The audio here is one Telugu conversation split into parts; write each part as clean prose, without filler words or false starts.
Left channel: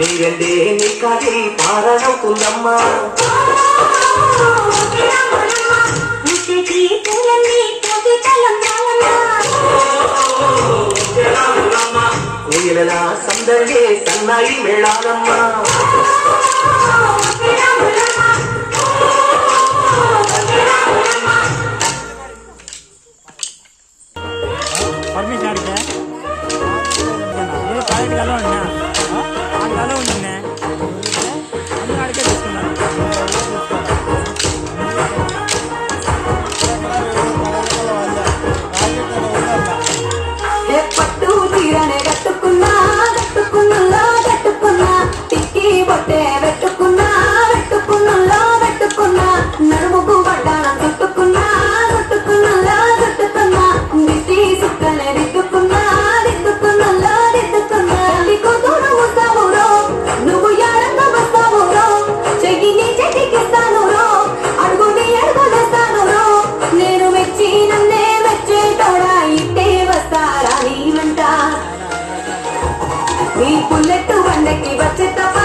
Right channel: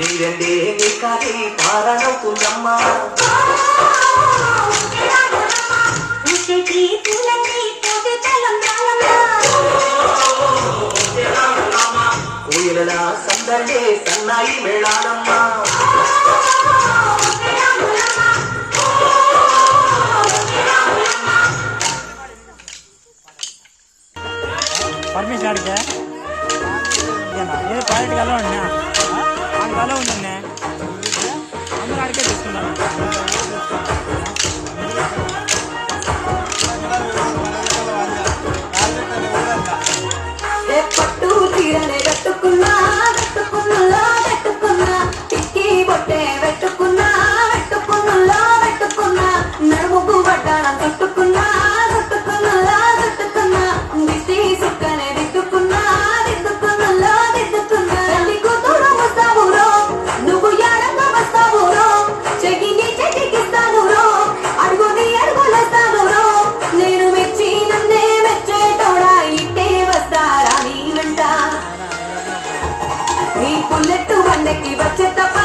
నీరండే నీ కాకి పారనవుతుందమ్మా కోయిలలా సందడే సన్నాయి మేళాలమ్మా పుల్లెట్టు బండకి వచ్చే తప్ప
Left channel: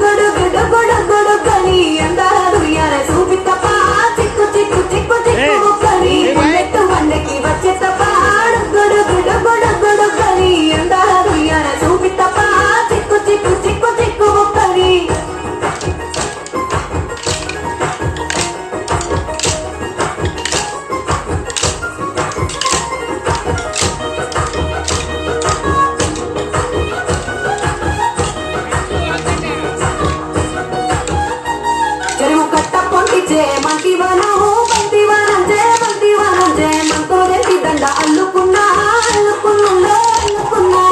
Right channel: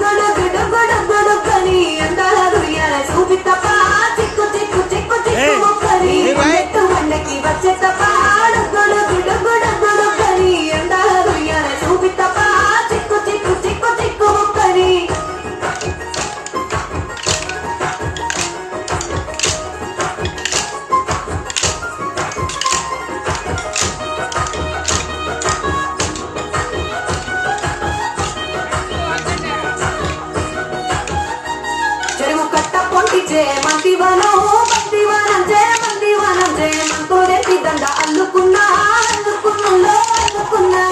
గుడు గుడు గుడు గుడు కని అందాల దుర్యాల చూపి తప్ప చిక్కు చిక్కు చిక్కు చిక్కు కని పుల్లెట్టు బండకి వచ్చే తప్ప గుడు గుడు గుడు గుడు కని అందాల దుర్యాల చూపి తప్ప చిక్కు చిక్కు చిక్కు చిక్కు కని అల్లుకున్నా అల్లుకున్నా అల్లుకున్నా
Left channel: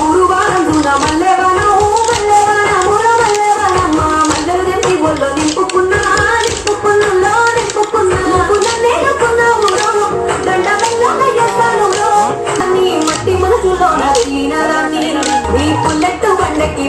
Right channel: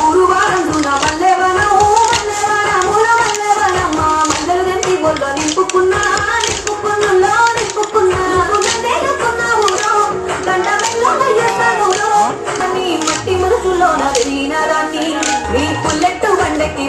ఊరు వారం మల్లె వనం మల్లె వనముల మల్లె వనమ్మ మల్లెలు గంటి ఒళ్ళో నింపుకున్నా నింపుకున్నా నింపుకున్నా నేనుకున్నా ఊరు దండ మెల్లయ్యాను అని మట్టి మనసులో వెళ్ళిన రాని నీ పుల్లెట్టు బండకి